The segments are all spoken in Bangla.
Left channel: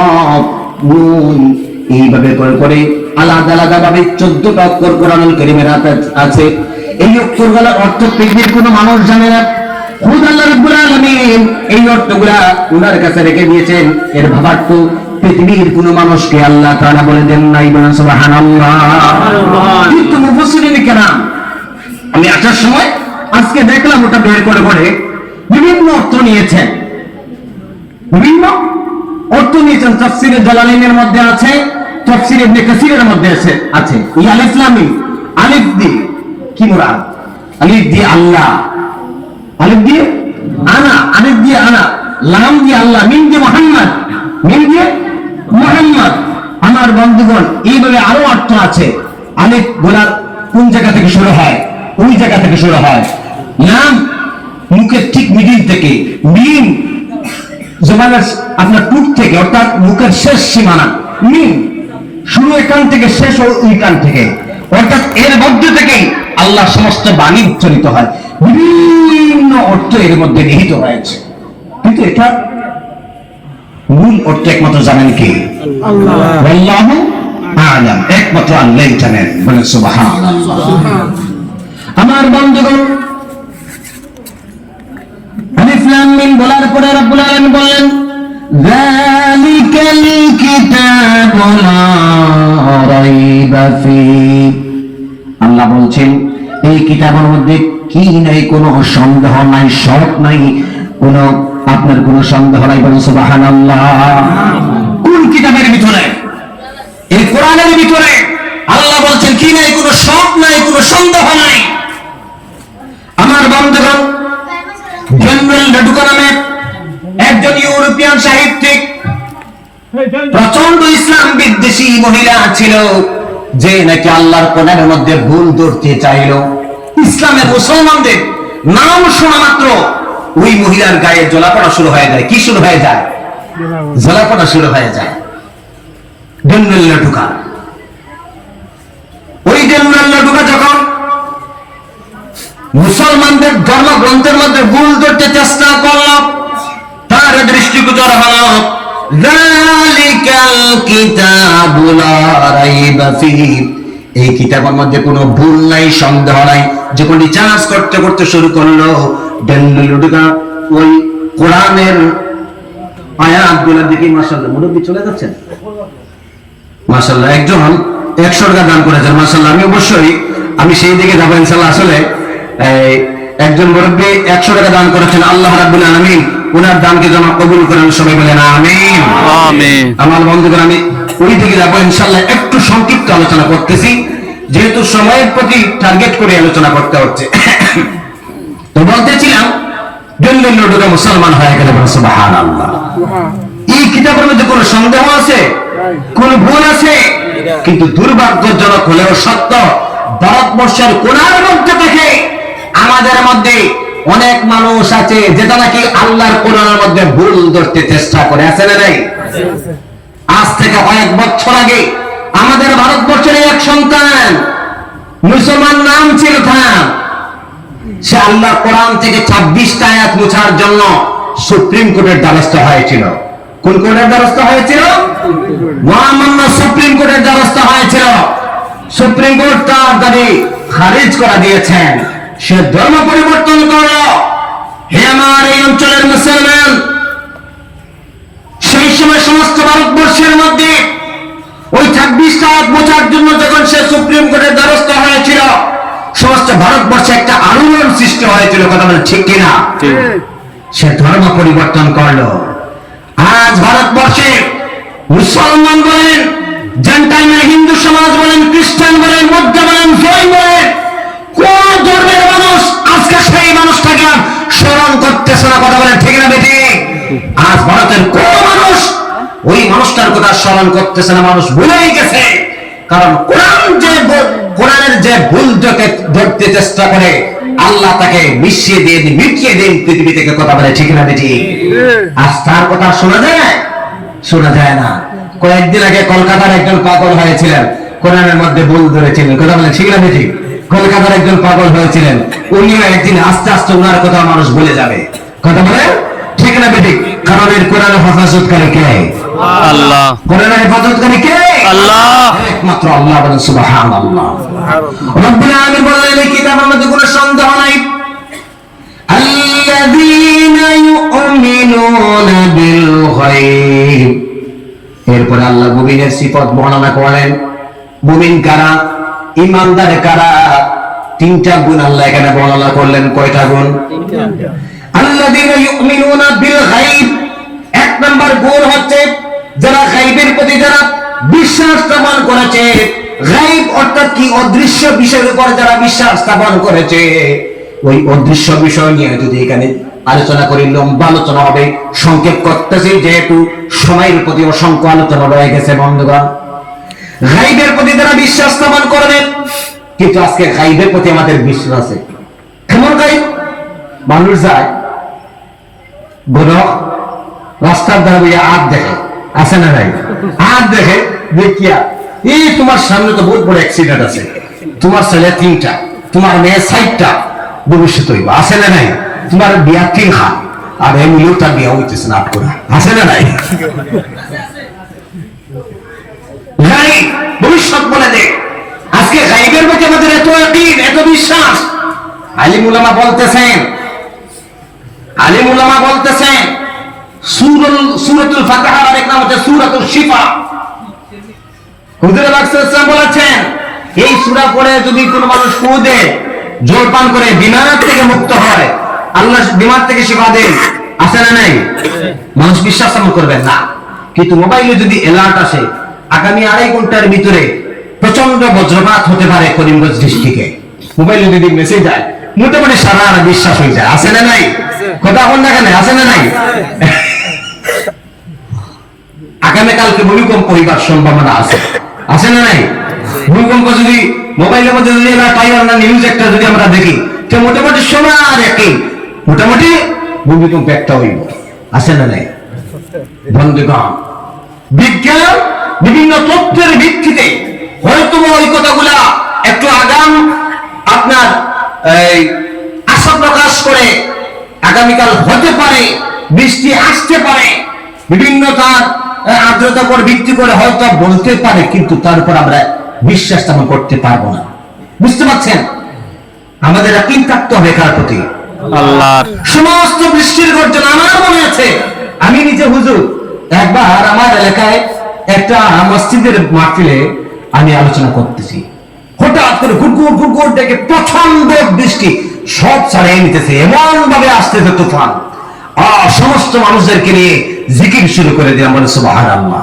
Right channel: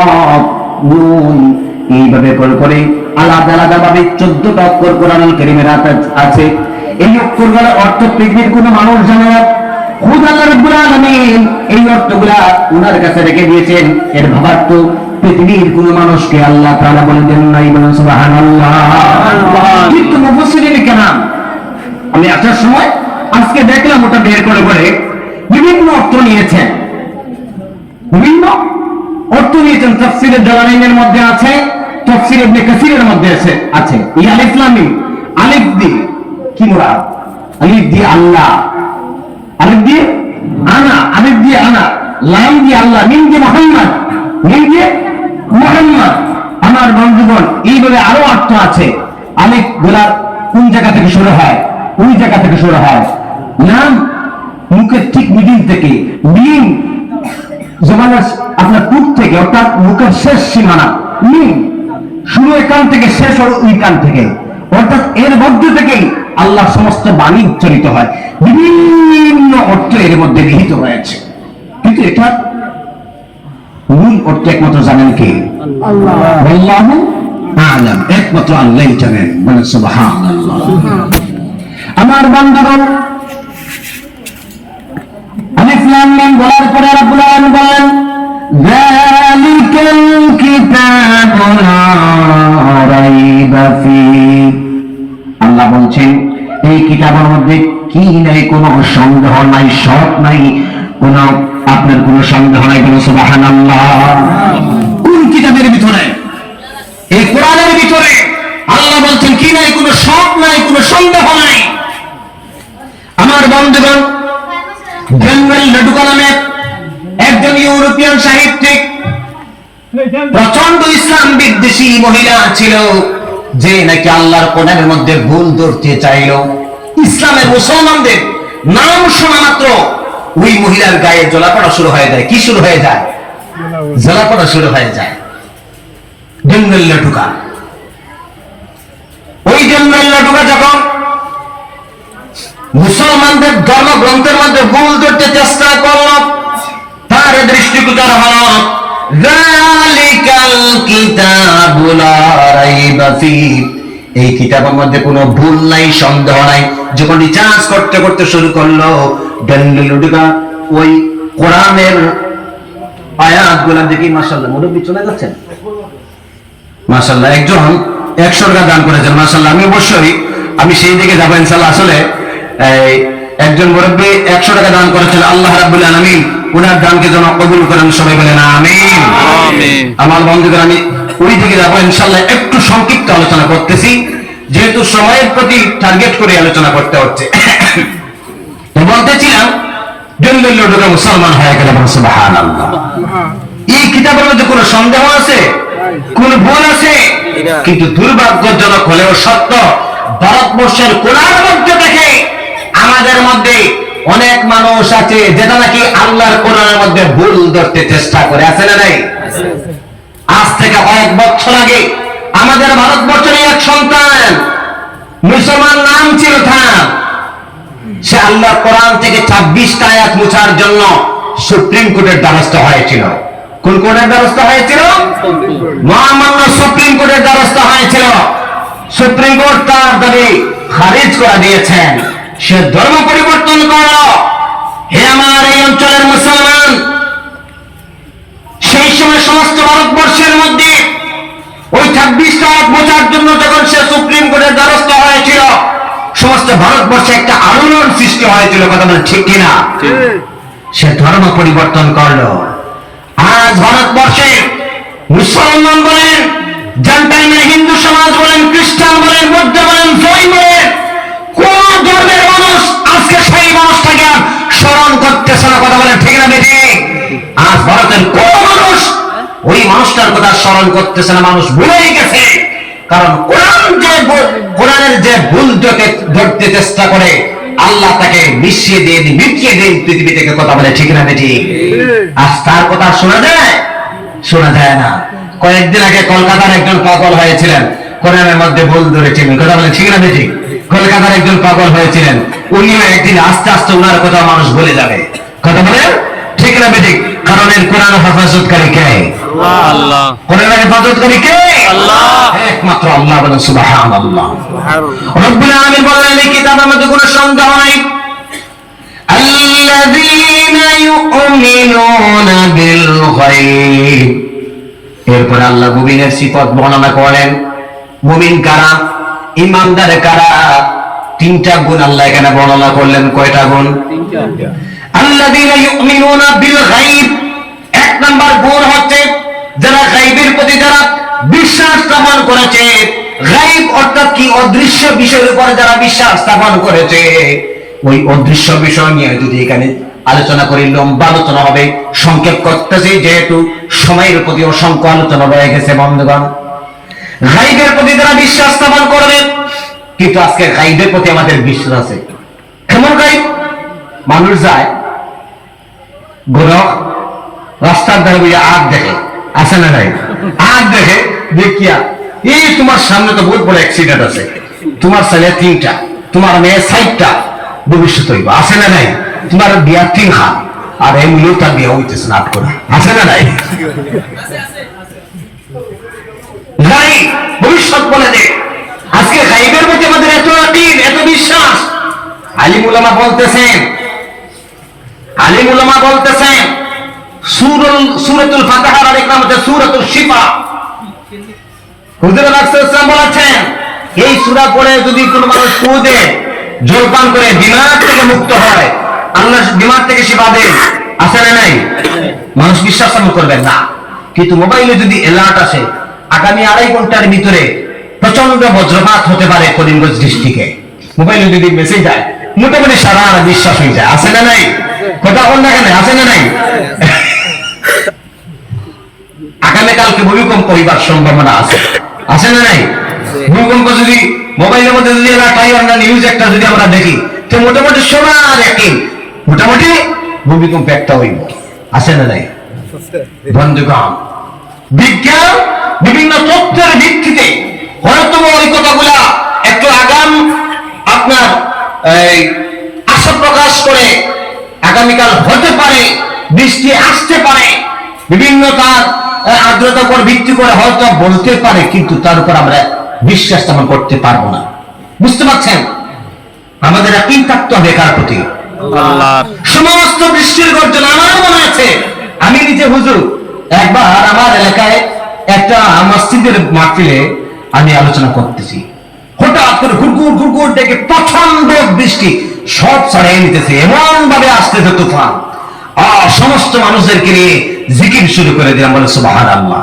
কফ নুন এইভাবে করে আলাদা আলাদা ভাবে 14টা অক্ষর কোরআনুল কারীমের আছে। এই অক্ষরগুলোর অর্থ পৃথিবীর কোনো মানুষ জানে না, খুদ আল্লাহ রাব্বুল আলামিন এই অর্থগুলা উনার কাছে রেখে দিয়েছেন। এর ভাবার্থ পৃথিবীর কোনো মানুষকে আল্লাহ তাআলা বলে দেন নাই, বলেন সুবহানাল্লাহ। কিন্তু মুফাসসিরিন কেরাম আমি আসার সময় আজকে দেখলাম ওটা বের করে বিভিন্ন অর্থ নিয়েছেন, বিভিন্ন অর্থ নিয়েছেন। তাফসীরে জালালাইনের মধ্যে আছে, তাফসীর ইবনে কাসিরের মধ্যে আছে। এই আলিফ লাম মিম, আলিফ দিয়ে কি মুরাদ? আলিফ দিয়ে আল্লাহ, আলিফ দিয়ে আনা, আলিফ দিয়ে আনা, লাম দিয়ে আল্লাহ, মিম দিয়ে মুহাম্মদ, মিম দিয়ে মুহাম্মদ। আমার বন্ধুগণ এইভাবে আরো অর্থ আছে। আলিফ গোলার কোন জায়গা থেকে শুরু হয়? ওই জায়গা থেকে শুরু হয়। লাম মুখের ঠিক মিডিল থেকে, মিম জবানের আপনার টুক থেকে, অর্থাৎ মুখের শেষ সীমানা। মিম শুরু এখান থেকে, শেষ ওই কান থেকে, অর্থাৎ এর মধ্য থেকেই আল্লাহ সমস্ত বাণী উচ্চারিত হয়। বিভিন্ন অর্থ এর মধ্যে নিহিত হয়েছে, কিন্তু এটা মূল অর্থ একমাত্র জানেন কে? আল্লাহু আ'লাম। একমাত্র আল্লাহই জানেন, বলেন সুবহানাল্লাহ। আমার বন্ধুগণ আলিফ লাম মিম বলার পরে রব্বুল আলামিন বললেন যালিকাল কিতাবু লা রাইবা ফীহি। আল্লাহ বলছেন এই কিতাবের মধ্যে কি নাই, কোনো সন্দেহ নাই, শক নাই, কোনো আপনার কোনো সন্দেহ নাই, বলেন সুবহানাল্লাহ। কোন কিতাবের ভিতরে? এই কোরআনের ভিতরে আল্লাহ বলছেন কি নাই, কোনো শক নাই, কোনো সন্দেহ নাই। আমার বন্ধুগণ জেনারেল লেডুকা নামে একজন ইউরোপিয়ান সাহিত্যিক, প্রচন্ড ইসলাম বিদ্বেষী মহিলা ছিল, যে নাকি আল্লাহর কোরআনের মধ্যে ভুল ধরতে চাইল। ইসলামের মুসলমানদের নাম শোনা মাত্র ওই মহিলার গায়ে জ্বলাপড়া শুরু হয়ে যায়। কি শুরু হয়ে যায়? জ্বলাপড়া শুরু হয়ে যায়। জেনারেল লেডুকা, ওই জেনারেল লেডুকা যখন মুসলমানদের ধর্মগ্রন্থের মধ্যে ভুল ধরতে চেষ্টা করল, তার দৃষ্টিগোচর হল যালিকাল কিতাবু লা রাইবা ফীহি। এই কিতাবের মধ্যে কোনো ভুল নাই, সন্দেহ নাই। যখন রিসার্চ করতে শুরু করলো, ডেন্ডেলুডুকা ওই কোরআনের আয়াতগুলো দেখি মাশাআল্লাহ, মুরব্বি চলে যাচ্ছেন মাশাআল্লাহ, একজন 100 টাকা দান করেছেন মাশাআল্লাহ। আমি সেই দিকে যাবো ইনশাআল্লাহ। আসলে একজন মুরব্বী 100 টাকা দান করেছেন, আল্লাহ রাব্বুল আলামিন ওনার দানকে যেন কবুল করেন, সবাই বলেন আমিন। আমিন। আমার বন্ধুগণ আমি ওই দিকে যাবো ইনশাআল্লাহ। একটু সংক্ষিপ্ত আলোচনা করতেছি, যেহেতু সময়ের প্রতি টার্গেট করে আলোচনা করতে হচ্ছে। তো বলতেছিলাম জেনারেল মুসলমান হয়ে গেলে, বলেন সুবহানাল্লাহ। এই কিতাবের মধ্যে কোনো সন্দেহ আছে? কোন ভুল আছে? কিন্তু দুর্ভাগ্যজনক হলেও সত্য, ভারতবর্ষের কোনার মধ্যে থেকে আমাদের মধ্যে অনেক মানুষ আছে যেটা নাকি আল্লাহর কোরআনের মধ্যে ভুল ধরতে চেষ্টা করে। আছে না নাই? আজ থেকে কয়েক বছর আগে আমাদের ভারতবর্ষের এক সন্তান, মুসলমান নাম ছিল থাম, সে আল্লাহর কোরআন থেকে 26টা আয়াত মুছার জন্য সুপ্রিম কোর্টের দ্বারস্থ হয়েছিল। কোন কোর্টের দ্বারস্থ হয়েছিল? মহামান্য সুপ্রিম কোর্টের দ্বারস্থ হয়েছিল। সুপ্রিম কোর্ট তার দাবি খারিজ করে দিয়েছেন। সে ধর্ম পরিবর্তন করল। হে আমার এই অঞ্চলের মুসলমান, সেই সময় সমস্ত ভারতবর্ষের মধ্যে ওই 26টা আয়াত মোছার জন্য যখন সে সুপ্রিম কোর্টের দ্বারস্থ হয়েছিল, সমস্ত ভারতবর্ষে একটা আলোড়ন সৃষ্টি হয়েছিল। কথা বলেন ঠিক কিনা? সে ধর্ম পরিবর্তন করলো। আজ ভারতবর্ষে মুসলমান বলেন, জেন্টাইমের হিন্দু সমাজ বলেন, খ্রিস্টান বলেন, বৌদ্ধ বলেন, জৈন বলেন, কোন ধর্মের মানুষ আজকে সেই মানুষটাকে স্মরণ করতেছে না। কথা বলেন ঠিক না বেটি? আজ ভারতের কোন মানুষ ওই মানুষটার কথা স্মরণ করতেছে না, মানুষ ভুলেই গেছে। কারণ কোরআনের যে ভুল ধরতে চেষ্টা করে, আল্লাহ তাকে মিশিয়ে দিয়ে মিটিয়ে দিন পৃথিবী থেকে। কথা বলে ঠিক না বেটি? আজ তার কথা শোনা যায়? শোনা যায় না। কয়েকদিন আগে কলকাতার একজন পাগল হয়েছিলেন, কোরআনের মধ্যে ভুল ধরেছিলেন। কথা বলে ঠিক না বেটি? কলকাতার একজন পাগল হয়েছিলেন, উনিও একদিন আস্তে আস্তে ওনার কথা মানুষ বলে যাবে। কথা বলে ঠিক না বেটি? কারণ এই কোরআন হেফাজতকারী কে? আল্লাহ। কোরআন হেফাজতকারী কে? আল্লাহ। একমাত্র আল্লাহ। বলেন সুবহানাল্লাহ। রব্বুল আলামিন বললেন এই কিতাবের মধ্যে কোনো সন্দেহ নাই। আল্লাযীনা ইউমিনুনা বিল গায়ব। এরপরে আল্লাহ মুমিনের সিফাত বর্ণনা করেন। মুমিন কারা? ঈমানদার কারা? তিনটা গুণ আল্লাহ এখানে বর্ণনা করলেন। কয়টা গুণ? আল্লাযীনা ইউমিনুনা বিল গায়ব। এক নাম্বার গুণ হচ্ছে যারা গায়বের প্রতি যারা বিশ্বাস স্থাপন করেছে। গায়ব অর্থাৎ কি? অদৃশ্য বিষয়ের উপর যারা বিশ্বাস স্থাপন করেছে। ওই অদৃশ্য বিষয় নিয়ে যদি এখানে আলোচনা করি লম্বা আলোচনা হবে। সংক্ষেপ করতেছি যেহেতু সময়ের প্রতি অসংখ্য আলোচনা হয়ে গেছে। বন্ধুগণ, গায়বের প্রতি যারা বিশ্বাস স্থাপন করবে, কিন্তু আজকে গায়বের প্রতি আমাদের বিশ্বাস আছে। কেমন গায়ব? মানুষ যায় বড় রাস্তার ধারে বইয়া আগ দেখে, আছে না নাই? আগ দেখে দেখিয়া এই তোমার সামনে তো বহুত বড় অ্যাক্সিডেন্ট আছে, তোমার ছেলে 3টা, তোমার মেয়ে 6টা, ভবিষ্যৎ হইব, আছে না নাই? তোমার বিয়া 3 হাত, আর এমনিও তার বিয়া হইতেছে না করে, আছে না নাই? নাই, ভবিষ্যৎ বলে দে। আজকে গায়বের প্রতি আমাদের এত আকিদ, এত বিশ্বাস। আলিম উলামা বলতেছেন সূরাতুল ফাতিহার আরেক নাম হচ্ছে সূরাতুল শিফা। হুজুর রাসূল বলেছেন এই সূরা পড়ে যদি কোনো মানুষ ফু দেয়, জল পান করে বিমার থেকে মুক্ত হয়, আল্লাহ বিমার থেকে শিফা দেন, আছে না নাই? মানুষ বিশ্বাস করবেন না, কিন্তু মোবাইলে যদি অ্যালার্ট আসে আগামী 2.5 ঘন্টার ভিতরে প্রচন্ড বজ্রপাত হতে পারে করিমগঞ্জ ডিস্ট্রিক্টে, মোবাইলে যদি মেসেজ যায় মোটামুটি সারা বিশ্বাস হয়ে যায়, আছে না নাই? কথা বল না কেন, আছে না নাই? আগামীকালকে ভূমিকম্প হইবার সম্ভাবনা আছে, আছে না নাই? ভূমিকম্প যদি মোবাইলের মধ্যে যদি নিউজ একটা যদি আমরা দেখি, তো মোটামুটি সবার একই, মোটামুটি ভূমিকম্প একটা হইব, আছে না নাই? বন্ধুগণ, বিজ্ঞান বিভিন্ন তথ্যের ভিত্তিতে হয়তো ওই কথাগুলা একটু আগাম আপনার আশা প্রকাশ করে আগামীকাল হতে পারে, বৃষ্টি আসতে পারে, বিভিন্ন তার আর্দ্রতার উপর ভিত্তি করে হয়তো বলতে পারে, কিন্তু তার উপর আমরা বিশ্বাস স্থাপন করতে পারবো না। বুঝতে পারছেন? আমাদের ইয়াকিন থাকতে হবে কার প্রতি? আল্লাহর। সমস্ত বৃষ্টির গর্জন আমার মনে আছে, আমি নিজে হুজুর একবার আমার এলাকায় একটা মসজিদের মাহফিলে আমি আলোচনা করতেছি, হঠাৎ করে গুড়গুড় গুড়গুড় ডেকে প্রচন্ড বৃষ্টি সব ছাড়িয়ে নিতেছে, এমন ভাবে আসতেছে তুফান, সমস্ত মানুষদেরকে নিয়ে জিকির শুরু করে দিলাম, বলে সুবহানাল্লাহ।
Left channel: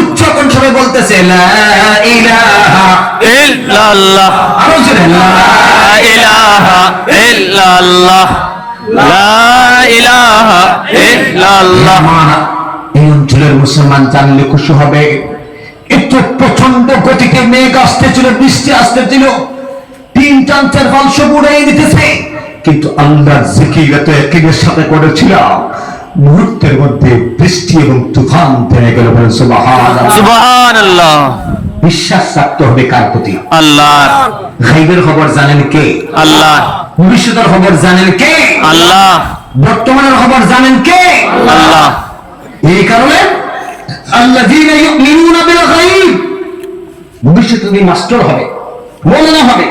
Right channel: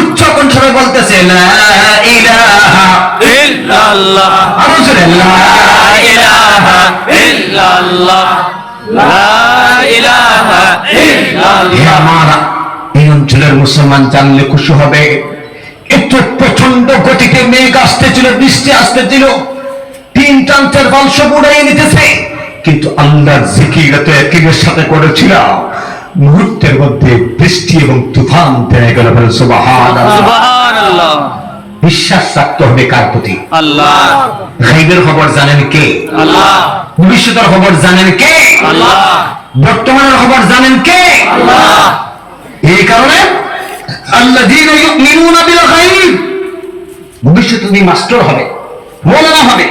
উচ্চ কণ্ঠে বলতেছে লা ইলাহা ইল্লাল্লাহ, আরো জোরে লা ইলাহা ইল্লাল্লাহ, লা ইলাহা ইল্লাল্লাহ। আমার এই অঞ্চলের মুসলমান জানলে খুশি হবে। এত প্রচন্ড গতিতে মেঘ আসতেছিল, বৃষ্টি আসতেছিল, 3 টান 4 ফল সব উড়াই নিতেছে, কিন্তু আল্লাহর জিকির এত একীর সাথে করেছিলাম, মুহূর্তের মধ্যে বৃষ্টি এবং তুফান থেমে গেল। বলে সুবহানাল্লাহ, সুবহানাল্লাহ। বিশ্বাস রাখতে হবে কার প্রতি? আল্লাহ। গায়বের খবর জানেন কে? আল্লাহ। ভবিষ্যতের খবর জানেন কে? আল্লাহ। বর্তমানের খবর জানেন কে? আল্লাহ। এই কারণে আল্লাযীনা ইউমিনুনা বিল গায়ব, ভবিষ্যতে তুমি মাস্টার হবে, মৌলানা হবে,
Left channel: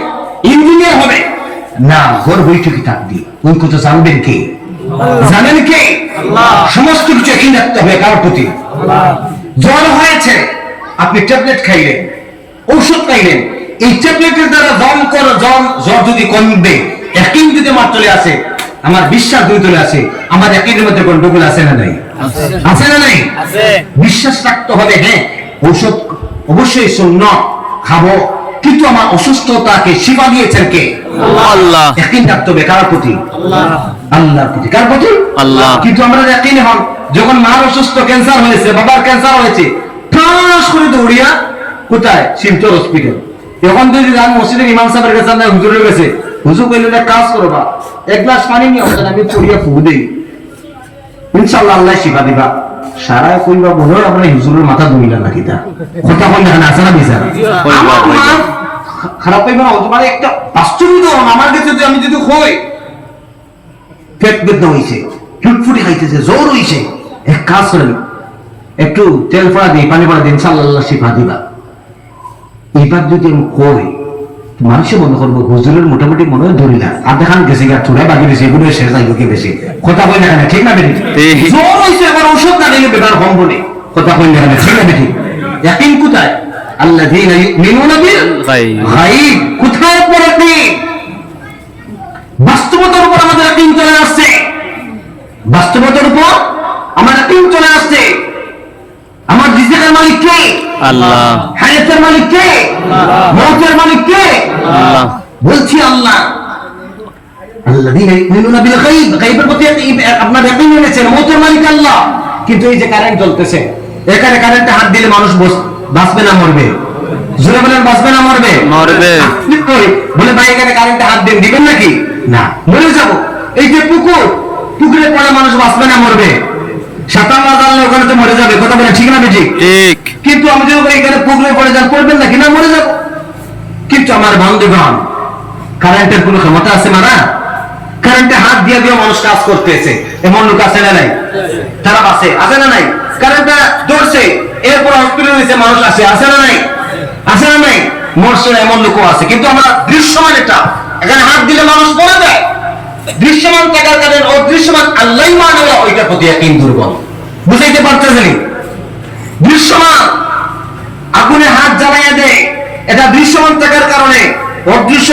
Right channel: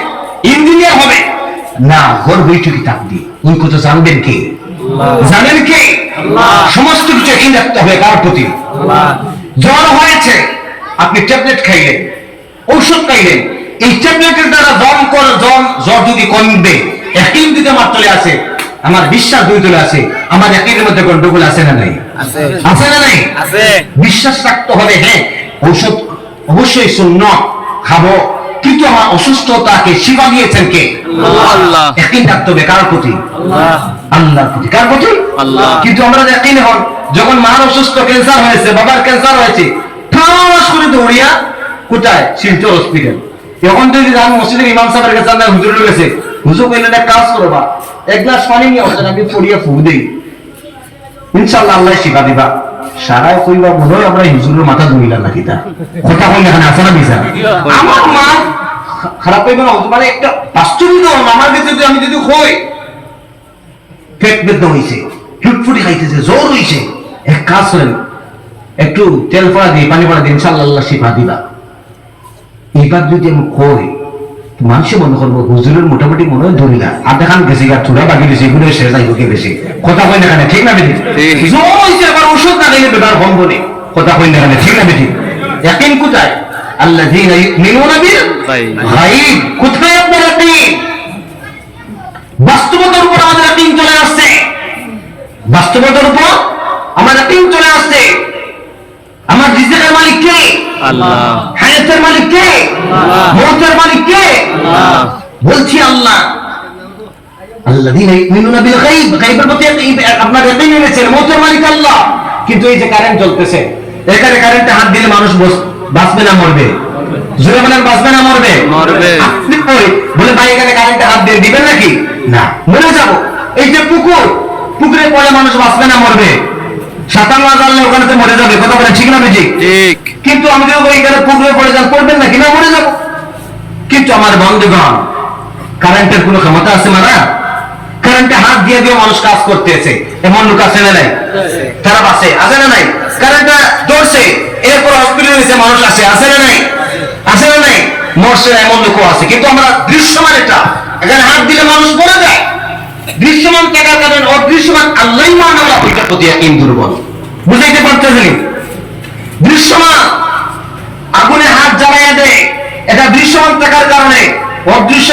ইঞ্জিনিয়ার হবে না, ঘর বৈঠকি থাকবি, ওই কথা জানবেন কে? জানেন কে? সমস্ত কিছু একই রাখতে হবে কার প্রতি? জ্বর হয়েছে, আপনি ট্যাবলেট খাইলেন, ঔষধ খাইলেন, এই ট্যাবলেটের দ্বারা জ্বর যদি কমবে, একই যদি আমার চলে আসে, আমার বিশ্বাস দুই চলে আসে, আমার একইর মধ্যে গন্ডগোল আছে না নাই? আছে না নাই? বিশ্বাস রাখতে হবে, হ্যাঁ ঔষধ অবশ্যই সুন্নাত খাবো, কিন্তু আমার অসুস্থতাকে শিফা দিয়েছেন কে? আল্লাহ। ইয়াকিন রাখতে হবে কার প্রতি? আল্লাহর প্রতি। কার প্রতি? আল্লাহ। কিন্তু আমরা ইয়াকিন হন, যখন মার অসুস্থ, ক্যান্সার হয়েছে, বাবার ক্যান্সার হয়েছে, ঠাস করে দৌড়িয়া কোথায়? শিলচর হসপিটাল। যখন যদি যান মসজিদের ইমাম সাহেবের কাছে, না হুজুরের কাছে, হুজুর কইলেন এক কাজ করো বা, 1 গ্লাস পানি নিয়ে আসেন, আমি পড়িয়া ফু দেই, ইনশাআল্লাহ আল্লাহ শিফা দিবা। সারাই কইবা মনে হয় আমরা হুজুরের মাথা ধুইলাম নাকি, তা কথা কইলে না, আছে না বিচার? আমার মা খারাপ পাইবে না, মানে একটা বাস্তবিক আমার কাছে যদি আমি যদি হই পেট বেদনা হইছে, ফুটফুটি খাইতেছে, জ্বর হইছে, এক কাজ করেন, একটু তেল পড়া দিই, পানি পড়া দিই, ইনশাআল্লাহ আল্লাহ শিফা দিবা। এইবার যদি আমি কই, মানুষে মনে করবো হুজুরের মোটামুটি মনে হয় ধরি না, আর দেখান গেছি গা চূড়া বাকি বেশি, এগুলো শেষ নাই ওকে বেশি কথা কই না, ঠিক না বেটি? ঠিক। জ্বর হইছে, আবার ওষুধ না দিলে বেকার কমবো নি, কথা কই না, ঠিক না বেটি? ইয়াকিন কোথায়? আল্লাযীনা ইউমিনুনা বিল গায়ব। কোথায় আপনার ইয়াকিন? বাস্তবতার উপর আমাদের ইয়াকিন চলে আসছে, বাস্তবতার উপর আমার ইয়াকিন চলে আসছে। আমার রিজিকের মালিক কে? আল্লাহ। হায়াতের মালিক কে? মৌতের মালিক কে? আল্লাহ। বলছি আল্লাহ। আল্লাযীনা ইউমিনুনা বিল গায়ব, গায়বের প্রতি আপনার ইয়াকিন এনেছেন, মৌতের মালিক আল্লাহ। কিন্তু এই যে কারেন্ট চলতেছে, এখানে কারেন্টে হাত দিলে মানুষ বাঁচবে না মরবে? জোরে বলেন, বাঁচবে না মরবে? মরবে। আপনি বলে ভাই এখানে কারেন্টে হাত দিয়ে দিবেন নাকি? না, মরে যাব। এই যে পুকুর, পুকুরে পড়ে মানুষ বাঁচবে না মরবে? সাঁতার না জানলে ওখানে তো মরে যাবে, কথা বলেন ঠিক না বেজি? ঠিক। কিন্তু আমাদের এখানে পুকুরে পড়ে যান, পড়বেন নাকি? না, মরে যাব। কিন্তু আমার বন্ধুগণ, কারেন্টের কোনো ক্ষমতা আছে মারা? কারেন্টে হাত দিয়ে দিয়ে মানুষ কাজ করতেছে, এমন লোক আছে না নাই? তারা বাসে আছে না নাই? কারেন্টটা ধরছে, এরপর হসপিটালে গেছে মানুষ আছে না নাই? আছে না নাই? মরছে, এমন লোকও আছে। কিন্তু আমরা দৃশ্যমান, এটা এখানে হাত দিলে মানুষ পড়ে যায়। দৃশ্যমান থাকার কারণে অদৃশ্যমান আল্লাহই মানব, ওইটার প্রতি ইয়াকিন দুর্বল। বুঝাইতে পারতেছেন? দৃশ্যমান আগুনে হাত জ্বালাইয়া দেয়, এটা দৃশ্যমান থাকার কারণে অদৃশ্য